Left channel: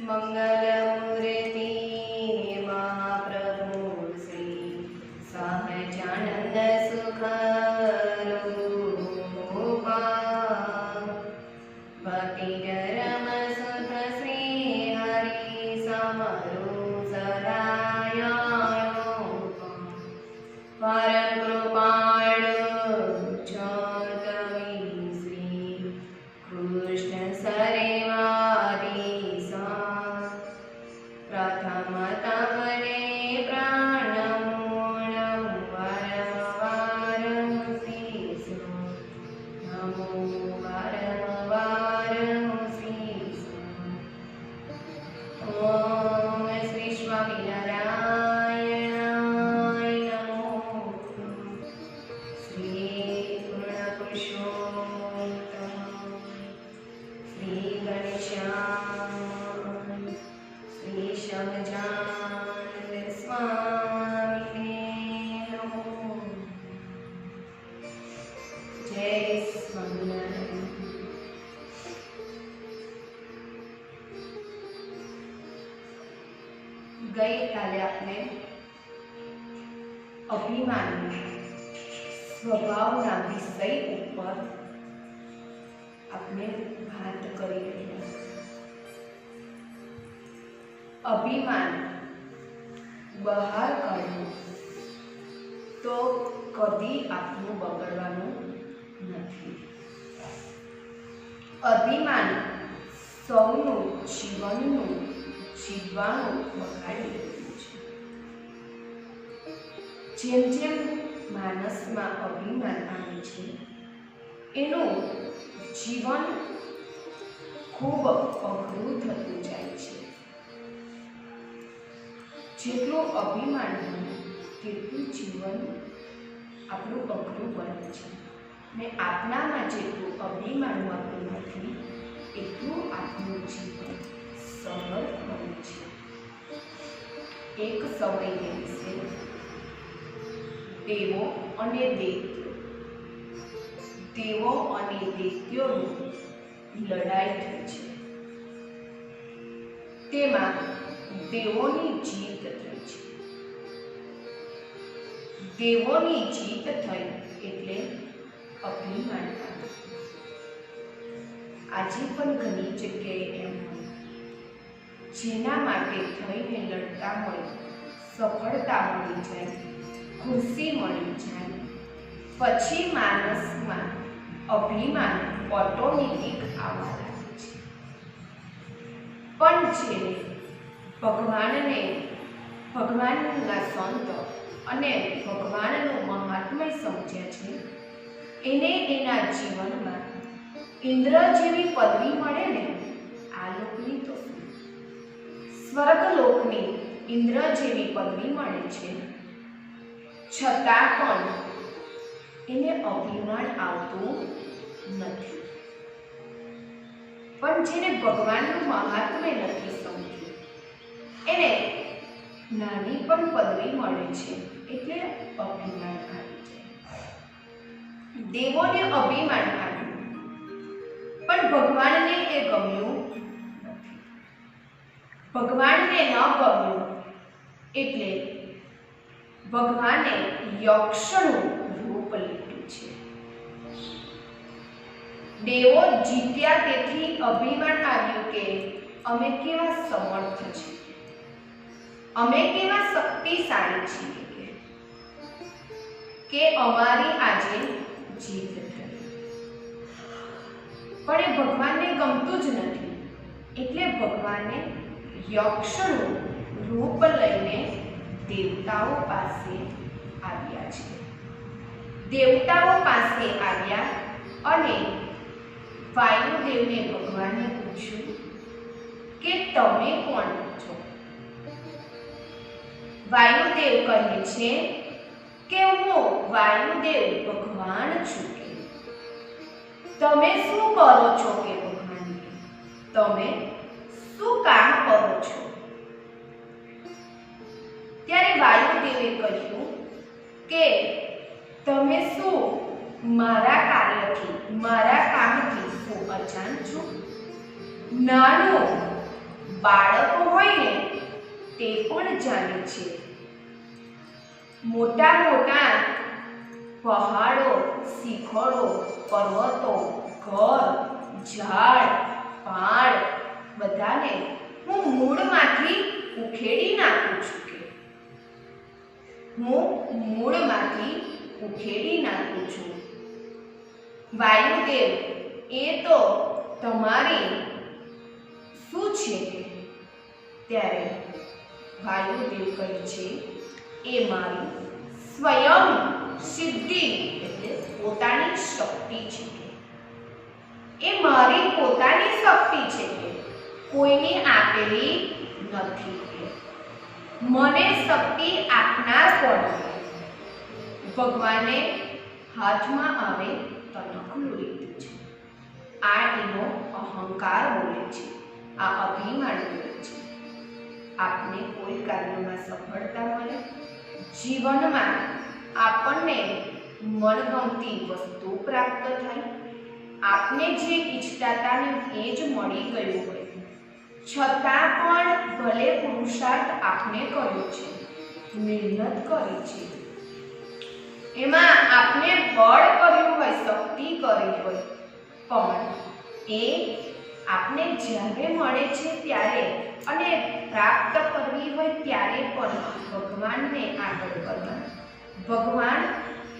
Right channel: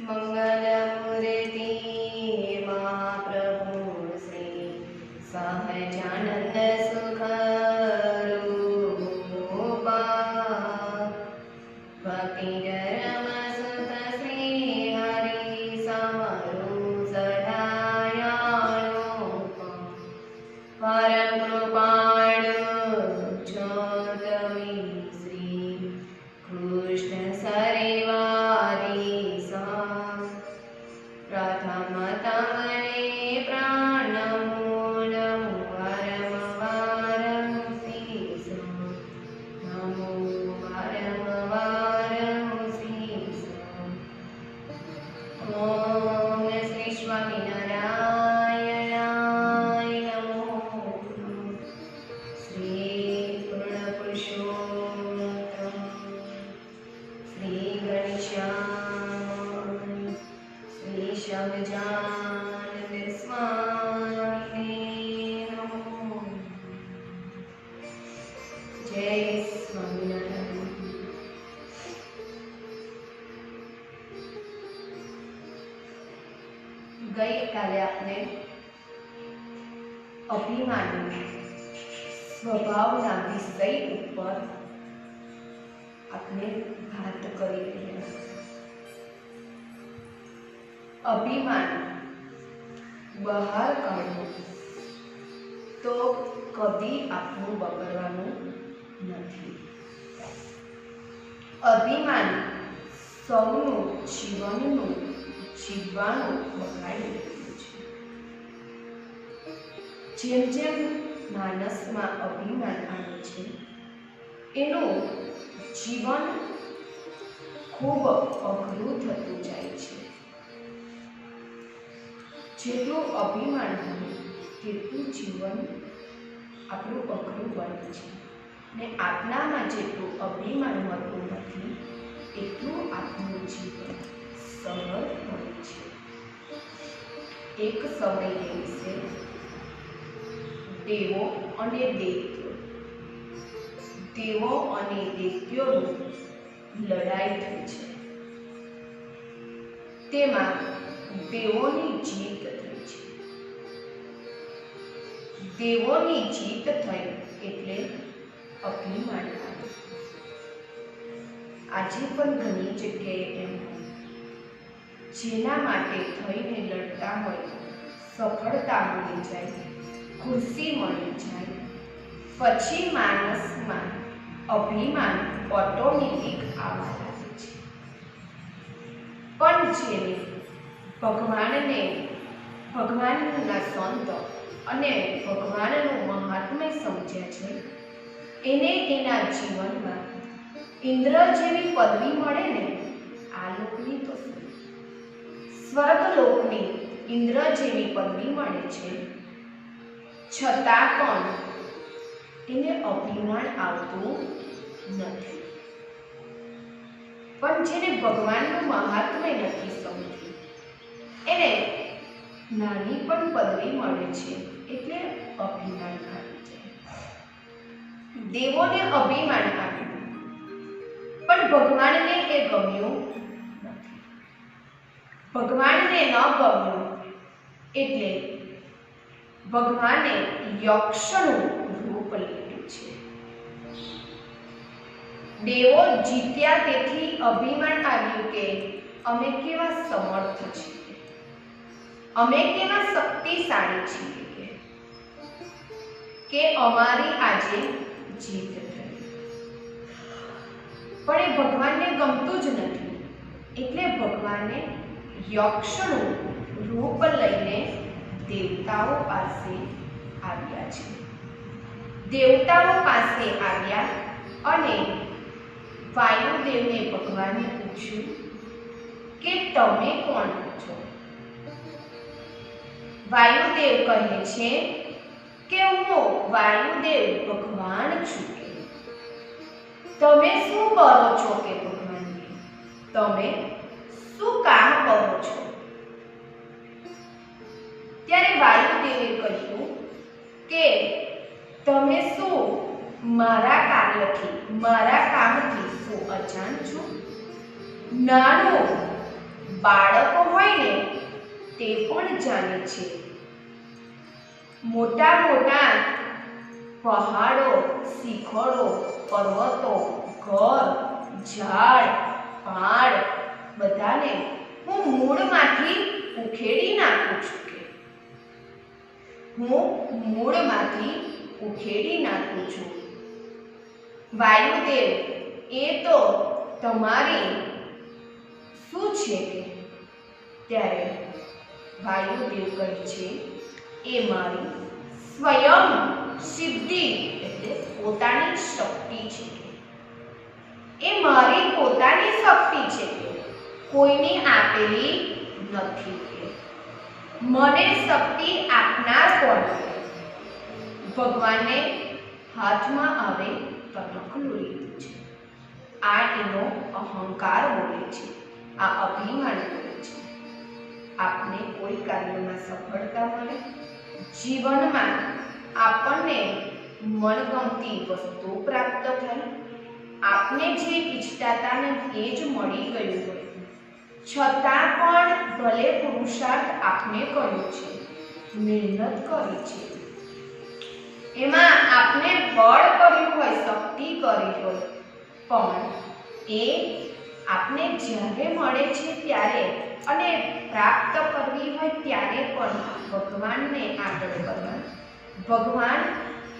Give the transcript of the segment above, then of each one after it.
मंगलमूर्ति महाप्रभु श्री सहजानंद सुख रूपा भक्ति धर्म सुत श्री हरि समरु सदायाणो परम कृपाळु जोतमी श्री कृष्ण सरेवारी प्रथम तमने प्राणमूलं वरम वारं शीर्ष नमो वरम वारं शीर्ष। ओम श्री स्वामिनारायणाय नमो श्री पूर्ण पुरुषोत्तम श्री गणेशाय श्री सहजानंद स्वामी नमो। जय स्वामिनारायण। गई काले आपने अभिमान स्वभावना विषय ऊपर आपने बात करी રહ્યા। अभिमान बहार काढવું तो कभी आपનું બગડવાનું નથી। अभिमान સૌનું જીવનનું જીવવાનું બગાડી રહ્યું છે। જેમ જેમ માનસમાં અભિમાન આવે છે એનું જીવન ખૂબ અઘરું થતું જાય છે। જેટલું અભિમાન હોય તેટલું જીવન આપણું અઘરું બને છે ને આપનામાં જેટલું અભિમાન હોતું નથી એટલું આપણું જીવન સરળ બને છે। એક સમય દિવસે દેવો અને દૈત્યો દેવો અને દૈત્યોની લડાઈ થઈ છે। તેમાં દેવોની જીત થઈ છે। દેવોની જીત થઈ એટલે અભિમાન આવ્યું। આજે પણ ઘણી જગ્યાએ એમ હોય જેના માટે થઈને લડતા હોય સફળતા મળી જાય ખુશી મળી જાય પછી માણસમાં અભિમાન ઓટોમેટિક આવવા લાગે છે। પણ જેને ભગવાનના સંત અને ભગવાનનું મહાત્મ્ય સમજ્યા છે એને એના જીવનમાં ઇન્દ્ર જેવી પદવી મળે ને આ લોકની તો સ્વર્ગલોકની ઇન્દ્ર જેવી પદવી મળે છે છતાં પણ એને અભિમાન આવતું નથી। પણ જેને ભગવાનનું મહાત્મ્ય નથી સમજ્યું એને નાની પણ પદવી મળે છે એટલે અભિમાન આવી જાય। દેવોને અભિમાન આવ્યું પણ ભગવાનને એ ગમ્યું નથી। ભગવાનને ન ગમ્યું એટલે ભગવાને યક્ષનું રૂપ લીધું છે। દેવો જીત્યા તેથી અભિમાન આવ્યું કે અમે કેવા સમર્થ છીએ અમે કેવા શક્તિશાળી છીએ કે અમારી આજે જીત થઈ। પણ એ ભગવાનને ગમતું જ નથી એટલે ભગવાને યક્ષનું રૂપ લઈને દેવતાઓ પાસે આવ્યા છે। દેવતાઓ પાસે આવ્યા અને વાયુદેવને ભગવાને પૂછ્યું કે તમે કોણ છો? વાયુદેવ કહે છે કે હું વાયુદેવ ભગવાન છું। કે તમે શું કરો છો? કે ભગવાન તમે શું કામ કરો છો? ત્યારે વાયુદેવે કહ્યું કે તમે શું મારા કાર્યથી મારા કામથી શું અજાણ છો? નાનું બાળકો હોય ને તે પણ જાણે છે. મોટા મોટા પહાડો, શિખરો, પર્વતો, ઘર, ઝાડ, પાડ બધાને હું મૂળમાંથી ઉખેડી નાખું છું કે હું મૂળમાંથી ઉખેડી નાખું છું. વાયુદેવ, એ તો તમારી શું છે કે? ત્યારે વાયુદેવ કહે છે, એ મારી સ્વયં સિદ્ધિ એટલે પોતાની શક્તિ છે કે એ મારી પોતાની શક્તિ છે કે કોઈની આપેલી નથી કે મને શક્તિ આપનાર કોણ છે? ભગવાને હાથમાં આવે તનખલું લીધું છે. આ એનો અહંકાર બોલે છે, આ અભિમાન બોલે છે. આપને કોઈ કાર્યમાં સફળતા મળે, જીવનમાં આપણને મનગમતી વસ્તુ પ્રાપ્ત થાય, આપને જે ઈચ્છતા હતા ને એ જ મળી ગયું હોય, છતાં પણ ભલે પુરુષાર્થ આપને કર્યો છે, મહેનત કરી છે, એમાં આપને બળ કર્યું હોય, શક્તિ કરી હોય, પણ એ આપને જ્યારે મળે છે ત્યારે અને પ્રાપ્ત કરવી હોય ત્યારે પણ ભગવાનને આગળ કરવા. ભગવાન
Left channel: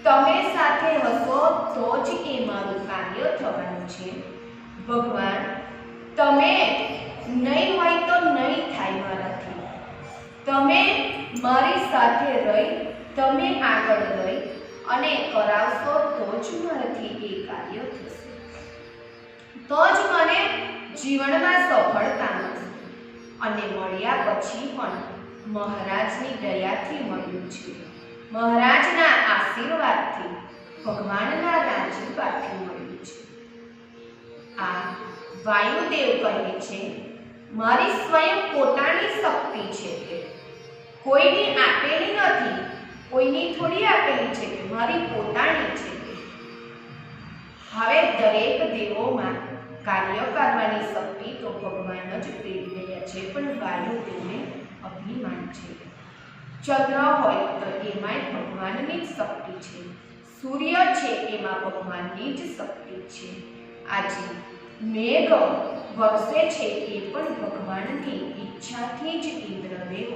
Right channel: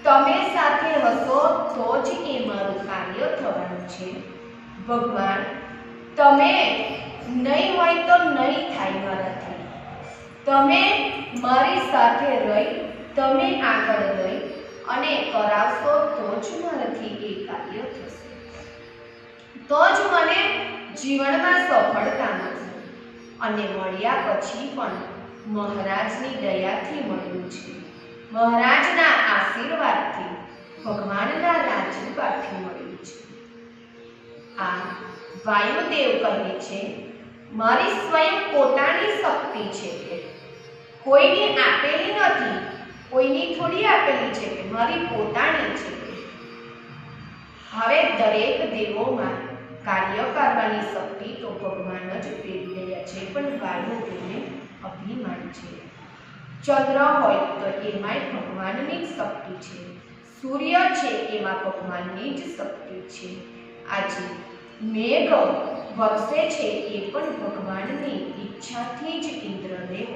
તમે સાથે હશો તો જ એ મારું કાર્ય થવાનું છે. ભગવાન તમે નહીં હોય તો નહીં થાય મારાથી. તમે મારી સાથે રહી, તમે આગળ રહી અને કરાવશો તો જ મારાથી એ કાર્ય થશે, તો જ મને જીવનમાં સફળતા મળશે. અને મળ્યા પછી પણ મહારાજની દયાથી મળ્યું છે, મહારાજના આશીર્વાદથી, ભગવાનના રાજીપાથી મળ્યું છે. આ વાયુદેવ કહે છે, મારી સ્વયં પોતાની શક્તિ છે કે કોઈની આપેલી નથી, કોઈની થોડી આપેલી છે કે મારી પોતાની છે કે. હવે દરેક દેવોમાં કાર્ય કરવાની શક્તિ તો ભગવાન જ પ્રેરી રહ્યા છે, પણ વાયુદેવને અભિમાન છે. ચંદ્ર હોય તો એમાંય ભગવાનની જ શક્તિ છે, સૂર્ય છે એમાં ભગવાનની જ શક્તિ છે. આજે મેઘ વરસે છે એ પણ ભગવાનની ઈચ્છાથી જ ઇન્દ્રદેવ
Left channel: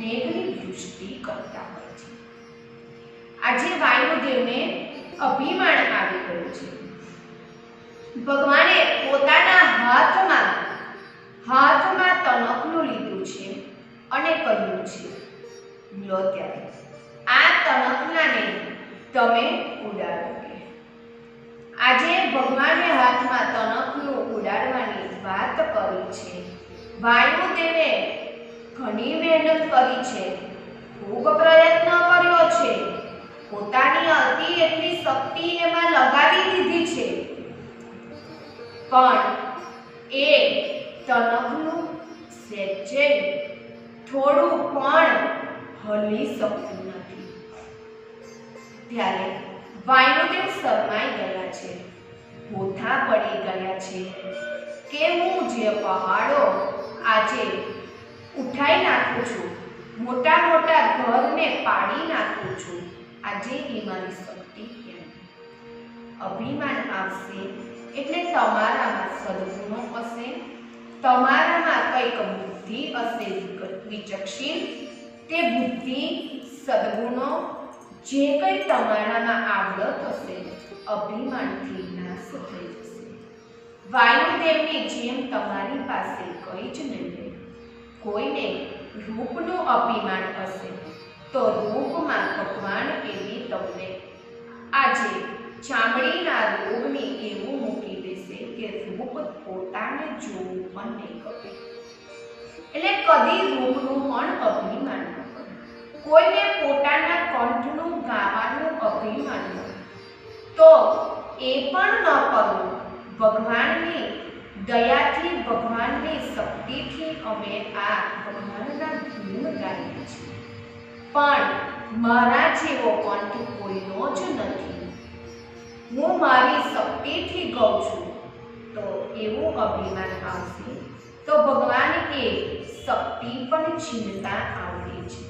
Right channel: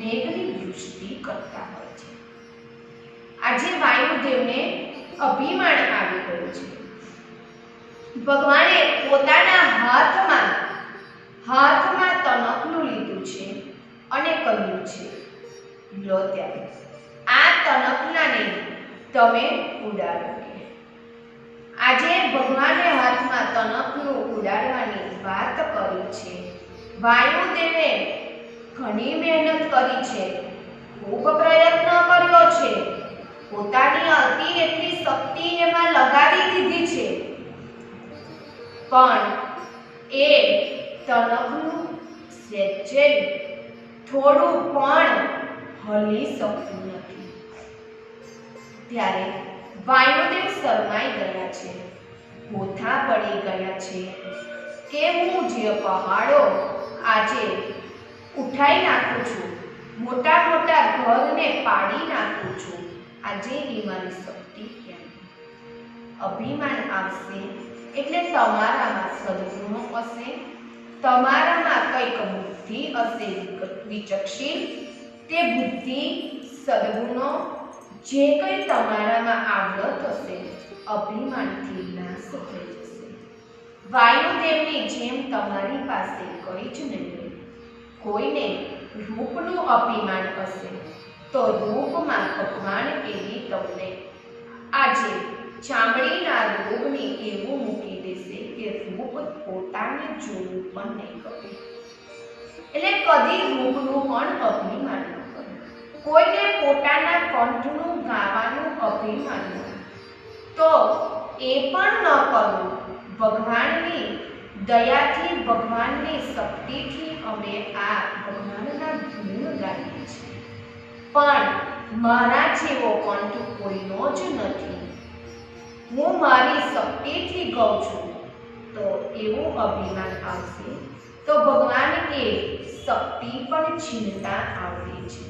મેઘની વૃષ્ટિ કરતા હોય છે. આજે વાયુદેવને અભિમાન આવી ગયું છે. ભગવાને પોતાના હાથમાં તનખલું લીધું છે અને કહ્યું છે, લો ત્યારે આ તનખલાને તમે ઉડાડો કે. આજે ભગવાને હાથમાં તનખલું ઉડાડવાની વાત કરી છે. વાયુદેવે ઘણી મહેનત કરી છે, ખૂબ પ્રયત્ન કર્યો છે, પોતાની હતી એટલી શક્તિ એમાં લગાવી દીધી છે, પણ એ તનખલું સહેજે થોડું પણ હલી શકતું નથી. ત્યારે વાયુદેવ શરમાઈ ગયા છે, ભૂથા પડી ગયા છે કે હું જે પહાડો આજે ઉઠાઈ નાખું છું, મોટા મોટા ઘરને પાડી નાખું છું, આજે એ મારી શક્તિ કેમ? અભિમાન આવશે એટલે તમારામાં સદગુણો હશે, તમારામાં કંઈક બુદ્ધિ હશે વિચક્ષીલ, તે બુદ્ધિ સદગુણો જે કંઈ તમારામાં આવડત હશે અભિમાનથી નાશ થઈ જશે. વાયુદેવની જેમ તમારી પાસે કંઈ જ નહીં. કોઈને રૂપનું અભિમાન હશે તો રૂપમાં ભગવાન એવી તમને આજે ચામડીના રોગની એવું મૂકી દેશે કે રૂપ પોતાને જોવું પણ નહીં ગમે. એટલે કદી રૂપનું પણ અભિમાન ન કરે. કોઈને પોતાના કંઠનું ગાવાનું અભિમાન હોય તો એ પણ ન કરવું. ભગવાનની દયાથી, ભગવાનની શક્તિથી અમે આ ભગવાનના ગુણ ગાઈએ છીએ, પણ મારા જેવો કંઠ કોઈનો જ નથી. હું મારી શક્તિથી ગાઉં છું તો એવું અભિમાન આવશે તો ભગવાન એ શક્તિ પણ છીનતા આવડે છે.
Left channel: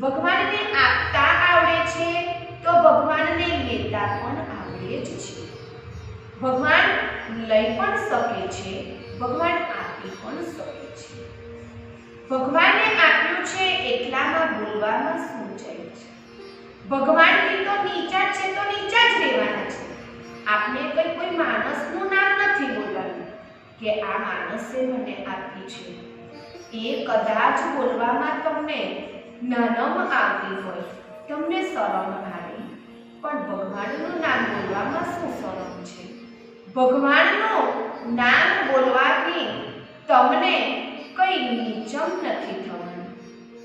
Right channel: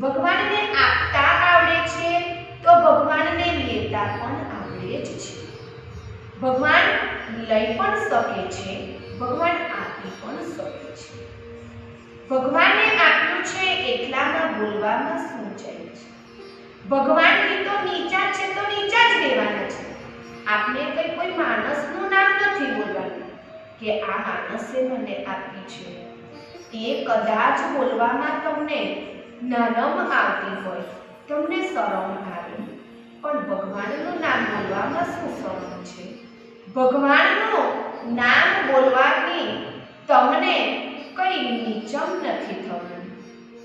ભગવાનને આપતા આવડે છે તો ભગવાનને લેતા પણ આવડે જ છે. ભગવાન લઈ પણ શકે છે, ભગવાન આપી પણ શકે છે. ભગવાને આપ્યું છે એટલામાં બોલવામાં શું જાય છે? ભગવાનથી તો નીચા છે તો નીચા જ રહેવાના છે. આપણે કોઈ માણસનું નામ નથી બોલવાનું કે આ માણસે મને આપી છે. એ કદાચ બોલવામાં તમને નરમ આવતી હોય, તમને શરમ આવે, પણ ભગવાનનું નામ બોલવામાં શું શરમ છે? ભગવાનનું નામ બોલવાથી તમને કઈ નીચમ નથી થવાનું,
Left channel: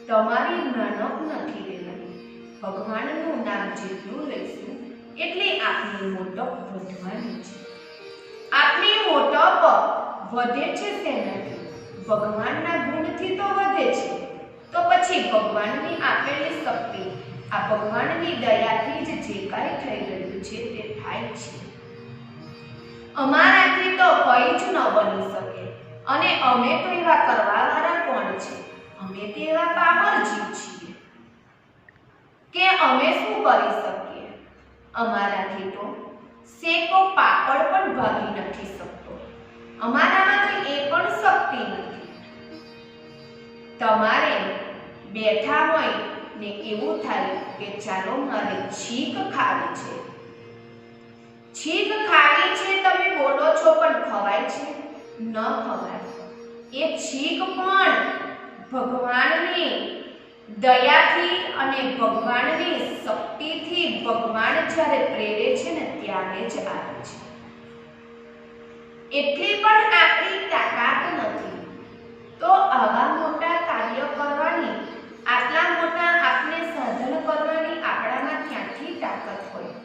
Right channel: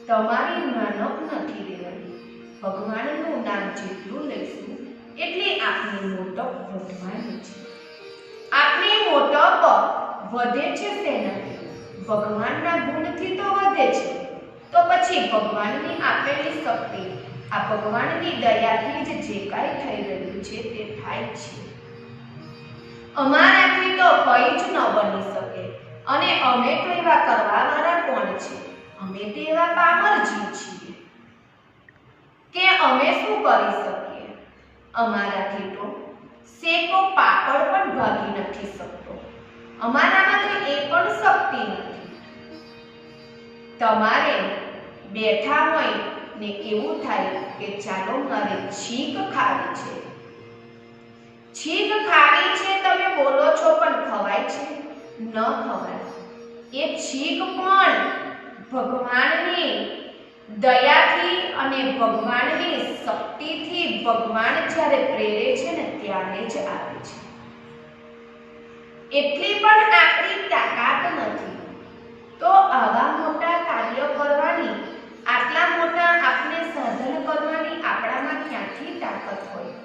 તમારી નાનપ નથી રહેવાની. ભગવાનનું નામ જેટલું લઈશું એટલી આપની મોટપ વધવાની છે. આપની મોટપ વધે છે તેનાથી ભગવાનના ગુણથી તો વધે છે. તો પછી ભગવાનની આપેલી શક્તિ, આ ભગવાનની દયાથી જ જે કાંઈ થઈ રહ્યું છે તે થાય છે. અમારાથી તો કંઈ જ ન બની શકે, અને અમે તો એવા કરવાવાળા કોણ છે? અમે તો એવા પામરજી છીએ કે અમે શું કરી શકીએ? અમારાથી તો શેકો પાપડ પણ ભાગી નથી શકતો. અમારામાં તો એ પણ શક્તિ નથી. તમારે બેઠા હોય ને એવું થાય કે ચાલો મારે છીંક ખાવી છે. છીંક ખાવી છે તમે બોલો છો, પણ ખવાય છે? ન ખવાય. એ છીંક પણ ભગવાનની દયાથી અને ભગવાનની શક્તિથી ભગવાન જ્યારે પ્રેરે છે ને ત્યારે જ આવે છે. એટલી પણ આપણી તાકાત નથી. તો આવા મોટા કાર્ય કરવાની, આટલા મોટા આપણે સાધન કરવાની આપણામાં ક્યાંથી તાકાત હોય?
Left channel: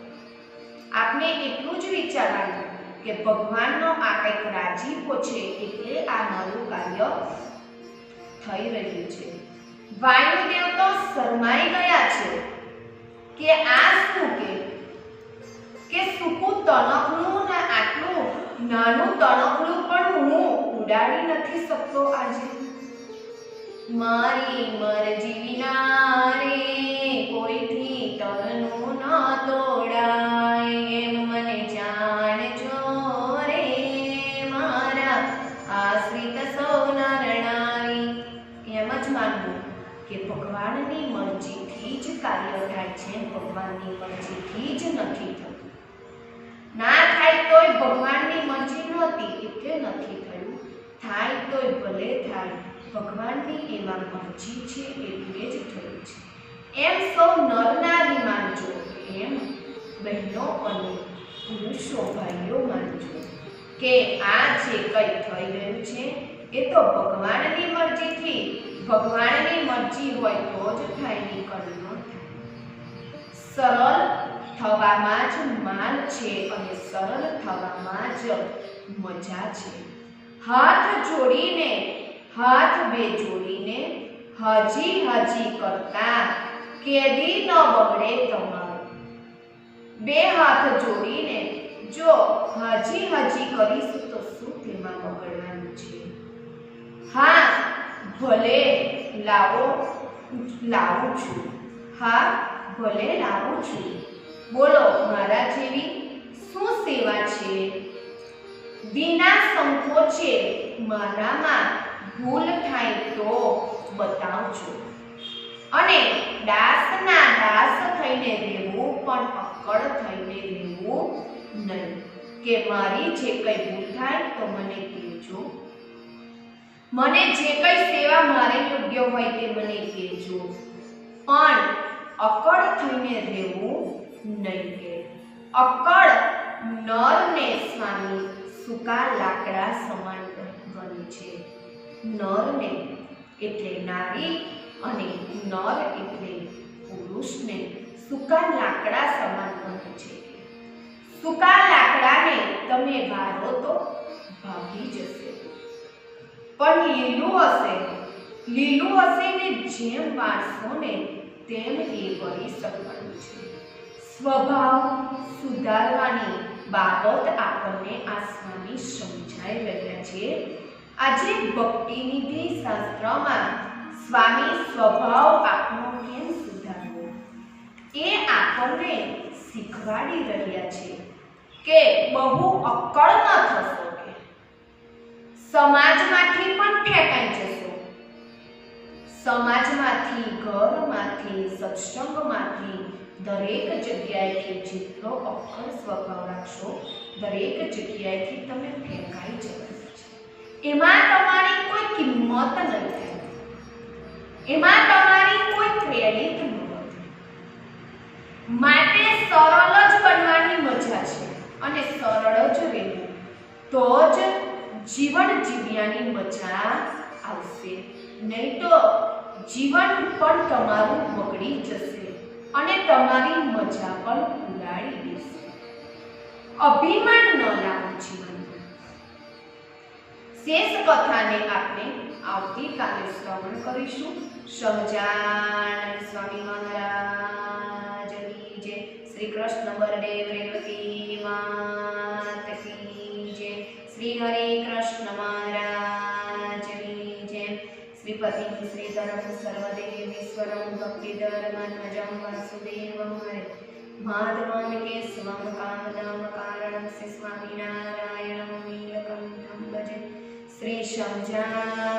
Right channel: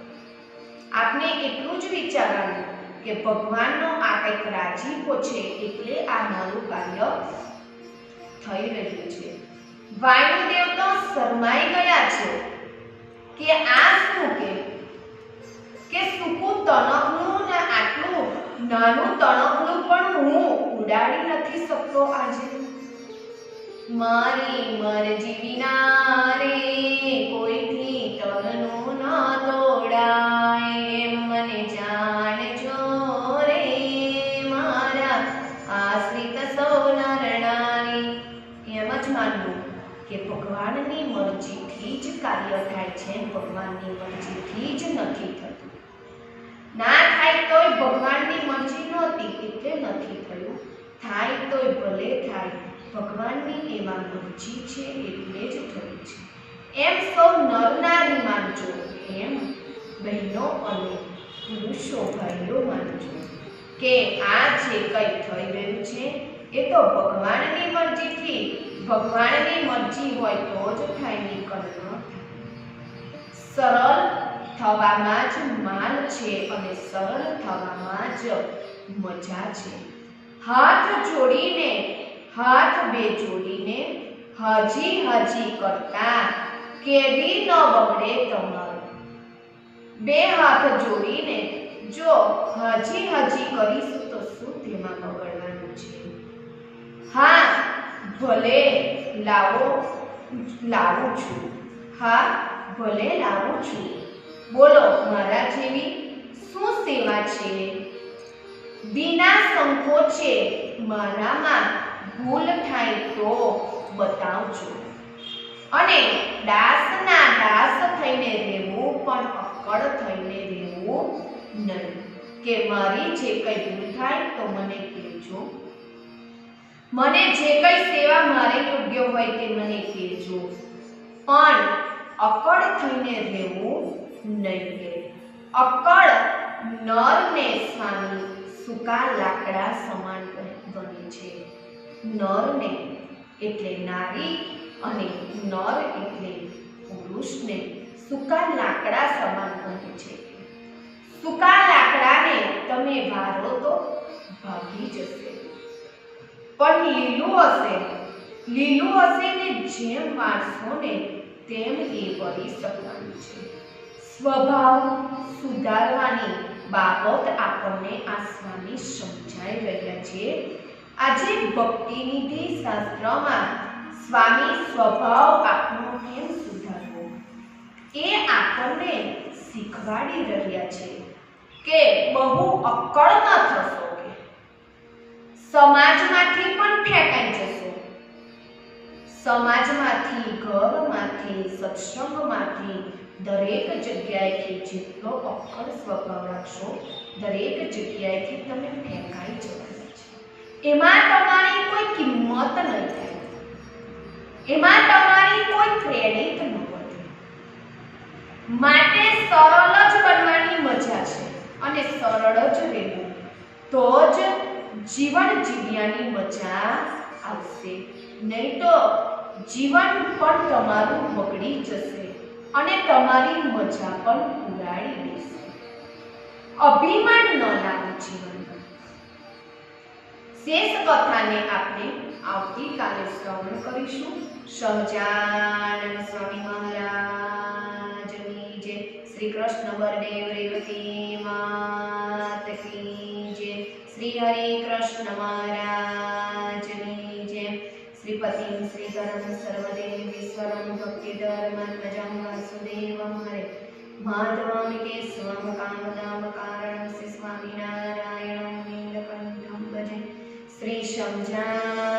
આપણે એટલું જ વિચારવાનું કે ભગવાનનો આ કંઈક રાજીપો છે એટલે આ મારું કાર્ય થઈ રહ્યું છે. વાયુદેવ તો શરમાઈ ગયા છે કે આ શું કે સૂકું તણખલું ને આટલું નાનું તણખલું પણ હું ઉડાડી નથી શકતો આજે. મારી મરજી વિના રે કોઈથી તનનું ન તોડાય, એમ મને જાણજો રે મારા આશ્રિત સૌ નર નારી. એમ જ માનવું કે ભગવાનની મરજીથી જ કાર્ય થાય છે, ભગવાનની મરજીથી જ નથી થતું. ના થાય તોય ભગવાનની મરજી નહોતી એટલે નથી થયું, થાય તોય ભલે થાય, ભગવાનની એમાં મરજી છે એટલે જ થયું છે. એમ સૌ નર નારી માનજો, એમ બહેનો અને પુરુષો ભાઈઓ માનજો કે આ જે કંઈ થઈ રહ્યું છે એ તો ભગવાનની મરજીથી, ભગવાનની મરજી હોય તો જ થાય, નીકળ ન થાય. સરળ થવામાં જ માલ છે અને સરળ થવામાં જ મજા છે. હાથ જોડીને, હાથ બે જોડીને હજી કરતા કેદી ન બગડે તમારો. બે હાથ જોડીને જો હજી કરીશું તો શું તેમાં બગડવાનું છે? હા ભલે લાવું છું, હા ભલે લાવું છું. બોલો મારા જેવી શું સેવા છે? વિના સંકોચે મારામાં ભૂલ થાય તો બતાવજો, અને દાસના દાસ થઈને રહેવું, પણ અક્કડ થઈને રહેવું નહીં. કે મારી જે કંઈ ભૂલ થાય તો મને કહેજો, મને જે કંઈ સેવા મારે યોગ્ય હોય તે મને કહેજો, પણ અક્કડ થઈને રહેવું નહીં. કે અક્કડ નરને સ્વામી સૂકા લાકડા સમાન બને છે. નરને એટલે નારી અને નર એટલે પુરુષને સૂકા લાકડા સમાન બને છે. સૂકા લાકડાને તમે વારો તો ભાગી જશે, પણ લીલું હશે ને જેમ વાળશો ને તેમ એ વળી શકવાનું છે. સ્વભાવ સુધારવાની બાબત આપણને આ સ્વામી સમજાઈ રહ્યા છે આજે ભક્તિનિધિ શાસ્ત્રમાં સ્વામી સ્વભાવ આપણો કેમ સુધારવો એ આપણને શીખવાડી રહ્યા છે કે બહુ અક્કડ ન થશો, કે સમાજમાંથી પણ ફેંકાઈ જશો, સમાજમાંથી, ઘરમાંથી, સત્સંગમાંથી, દરેક જગ્યાએથી જેટલો અક્કડ સ્વભાવ રાખશો દરેક જગ્યાએથી તમે ફેંકાઈ જવાના છે. એમાં તમારી કોઈ કિંમત નહીં થાય, એમાં તમારી કોઈ ક્રેડિટ ન વધે. માટે સરળ જ બનવાની મજા છે અને સરળ જ રહેવું તો જ જીવન જીવ્યાની મજા આવશે. નહીં તો જીવન પણ તમારું બગડી જશે અને તમારી મજા પણ ઉડાડી દેશે. અભિમાન ન લાવો જીવનમાં. શેષ કથાને આપણે આવતીકાલે શ્રવણ કરીશું. સહજાનંદ સ્વામી મહારાજની જય. શ્રી કૃષ્ણ બળદેવ રેવતી માત કી જય. શ્રી હરે કૃષ્ણ મહારાજની જય. શ્રીપતિમ શ્રીધરમ સર્વદેવેશ્વરમ ભક્તિધર્માત્મજં વાસુદેવમ હરે માધવમ કેશવમ કામદામ કારણમ શ્રી સ્વામિનારાયણમ નીલકંઠમ ભજે. શ્રી સહજાનંદ